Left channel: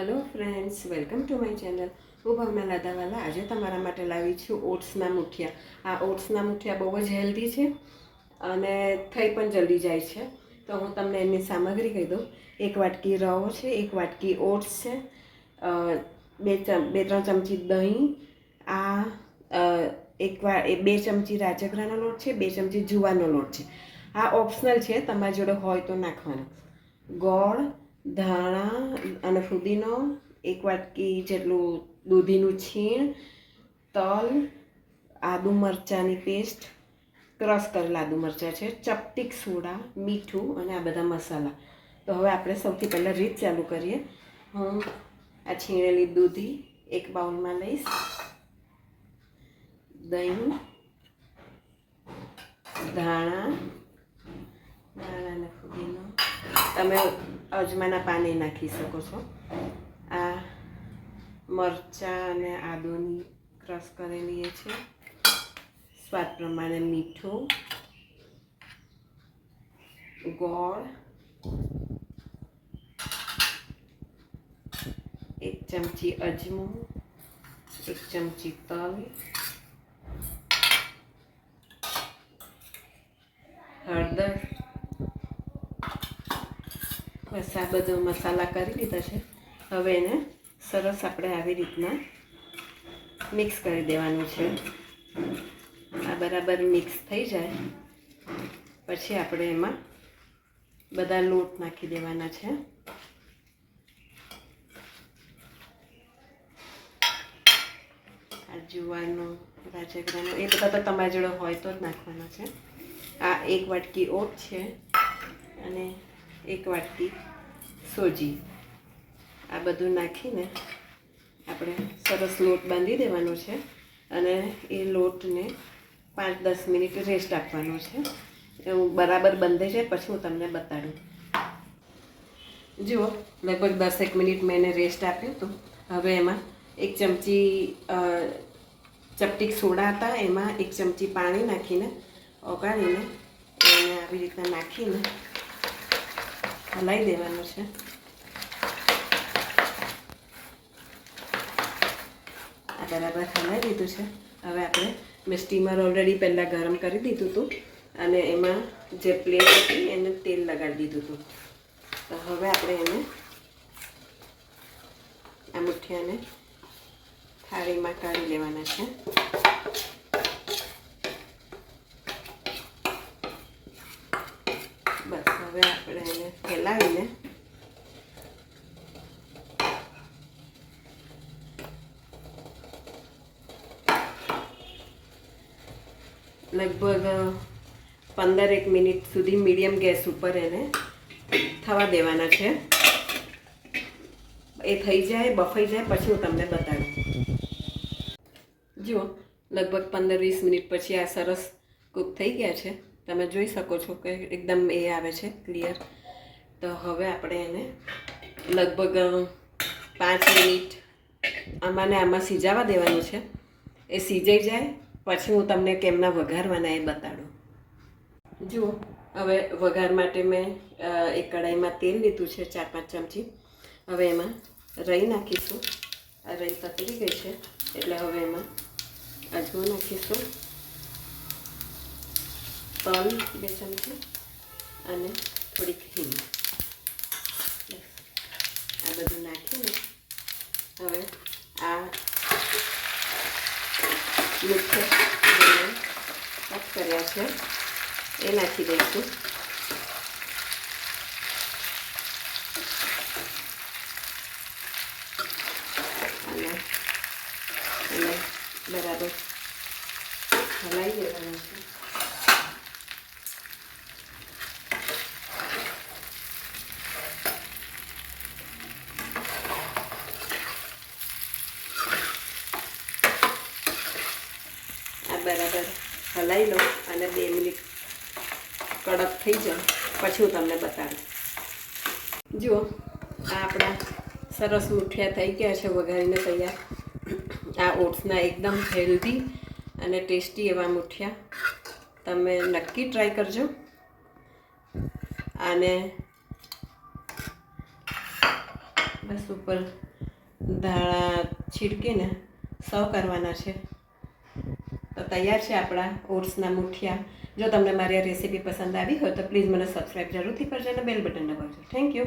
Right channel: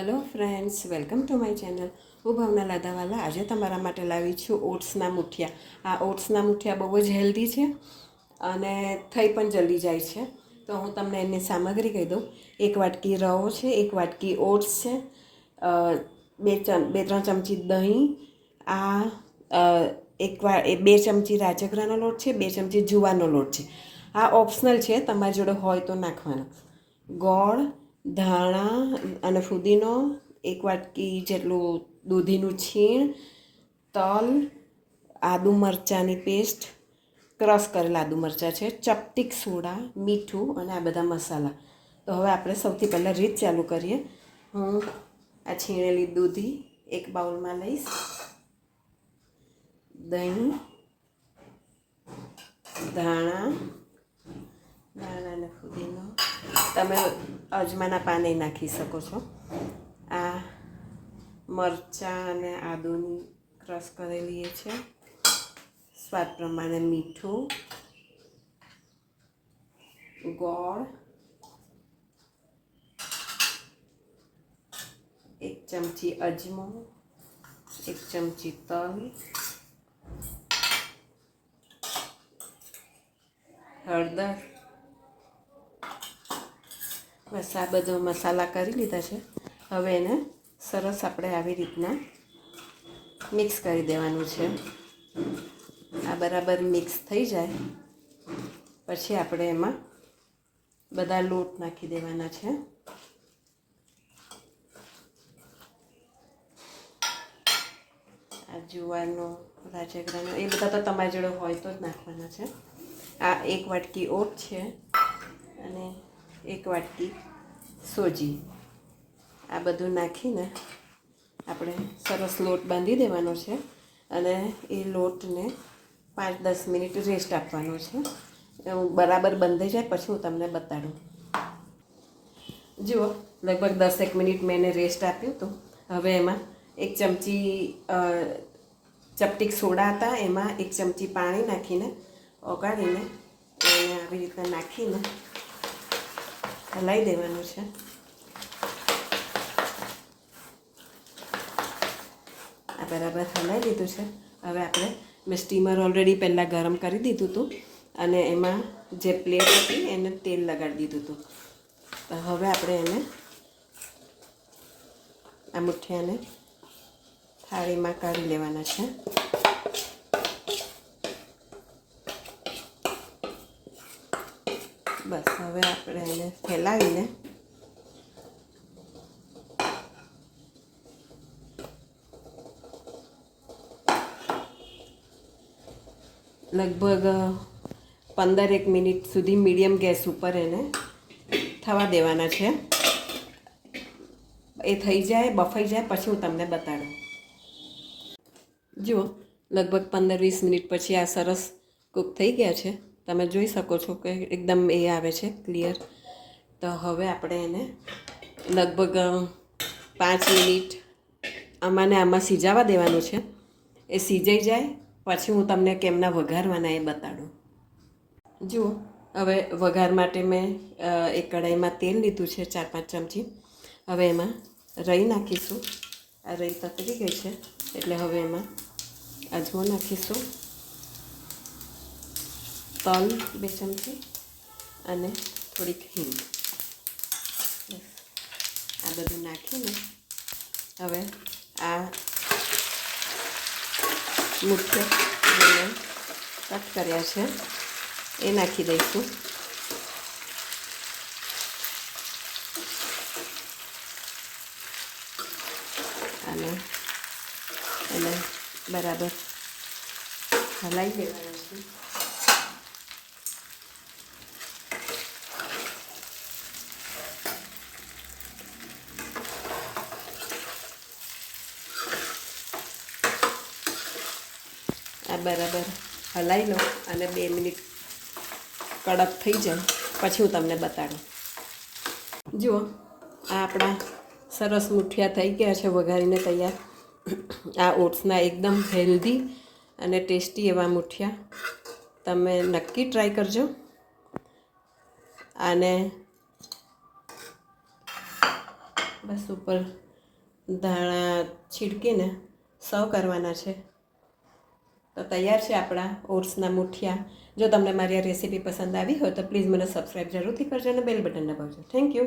Hello friends, welcome to my channel. હું ભાવના લાધાવાલા આજે તમારા માટે લાવી છું ઓટ્સના મુઠિયા. આ ઓટ્સના મુઠિયા બહુ જ હેલ્ધી છે અને થઈ પણ જલ્દી જાય છે. તો હું તમને એની સામગ્રી કહી દઉં. 1 વાટકી રવો છે, 1 વાટકી ઓટ્સ છે, 2-3 ચમચી દહીં, 2 ચમચી રાજગરાનો લોટ છે, 2 ચમચી જુવારનો લોટ છે. આ ઓપ્શનલ છે, તમારી જોડે હોય તો નાખવાનું. ગોળ, ધાણા અને ફુદીનો, 1 વાટકી જેટલું દૂધીનું છીણ, તલ, આદુ મરચાંની પેસ્ટ, ક્રશ કરેલા આદુ મરચાં છે, ચપટીક સોડા, મીઠું અને આ બધા મસાલા. તો હવે આપણે સૌથી પહેલાં રીત ચાલુ કરીએ. હું આ છીણેલી દૂધી એક બાઉલમાં લઈશ, દહીં, ધાણા અને ફુદીનો, તમે અજમાના પાને નાખી શકો છો. આ મરચાં અને આદુની ક્રશ કરેલી એ છે, સ્વાદ પ્રમાણે મીઠું, ગોળ, 1 ચમચી અજમો, 1 ચમચી તલ, હળદર. બસ આ બધો મસાલા કરી લીધા છે. હવે એને સરસ આપણે આવી રીતના મિક્સ કરી દેવાનું છે. આ બરાબર મિક્સ થઈ જાય પછી આપણે એમાં બધા લોટ નાખી દેવાના છે. આ જુવારનો, રાજગરાનો એ બધા તો તમારી જોડે હોય તો જ નાખવાના છે. આ 1 વાટકી ઓટ છે અને 1 વાટકી સોજી. આ બધું નાખીને આપણે સરસ લોટ બાંધી દેવાનો છે અને એ લોટને 5-10 મિનિટ રેસ્ટ આપવાનો છે. બરાબર બંધાઈ જાય પછી હું તમને બતાડું. જુઓ, લગભગ 10 મિનિટ મેં એને રેસ્ટ આપ્યું હતું. હવે એમાં 1 ચમચી ચપટીક સોડા હતા, એમાં 1 ચમચી પાણી નાખીને ઓગાળીને એને આવી રીતના નાખીને હલાવી દેવાનું છે. આ બરાબર હલાવી દીધું છે. હવે આપણે મેં સ્ટીમર ઓલરેડી પહેલાં ગરમ કરી દીધું હતું અને એમાં જે પ્લેટ હતી એને તેલ લગાડી દીધું હતું. તો હવે આપણે એને આ મુઠિયાને થાળીમાં કાઢી લેવાના છે. બસ હવે આપણે એને ફેલાવીને લગભગ 15 મિનિટ સુધી મીડિયમ ગેસ ઉપર એને થવા દેવાના છે. એ થઈ જાય, બફાઈ જાય પછી હું તમને બતાડું. જુઓ, લગભગ 15-20 મિનિટ પછી આ સરસ કૂક થઈ ગયા છે. તમે જોઈ શકો છો કે એકદમ એ આવે છે ક્લિયર. તો હવે આપણે એને લગભગ 5 મિનિટ આમાં સિજાવા દેવાનું છે. એ સિજાઈ જાય પછી હું તમને કેમના વઘારવાના એ બતાડું. જુઓ, હવે વઘાર માટે મેં એક કઢાઈમાં તેલ લીધું છે, 4-5 ચમચી. હવે એમાં રાઈ નાખીશું. આ રાઈ તતરી ગઈ છે એટલે હવે એમાં અજમો નાખીશું, તલ 2 ચમચી અને થોડીક હિંગ. આ બધું નાખીને હવે આ મુઠિયા કટ કર્યા છે એ નાખી દઈશું. અને એને બરાબર હલાવી દેવાનું છે. આ બરાબર હલાવી લો અને 2 મિનિટ કડક થઈ જાય પછી હું તમને બતાડું. જુઓ, આ આપણા સરસ મુઠિયા થઈ ગયા છે વઘારીને તૈયાર. આ ઓટ્સના એકદમ હેલ્ધી અને ટેસ્ટી એવા મુઠિયા તમે નક્કી ટ્રાય કરજો. અને બસ ઉપર ધાણા છીડકીને સર્વ કરવાના છે. તો તૈયાર છે આપણા ઓટ્સના મુઠિયા. જો તમને મારી આ રેસીપી પસંદ આવી હોય તો પ્લીઝ મને સબસ્ક્રાઈબ જરૂરથી કરજો અને બેલ બટન દબાવજો. Thank you.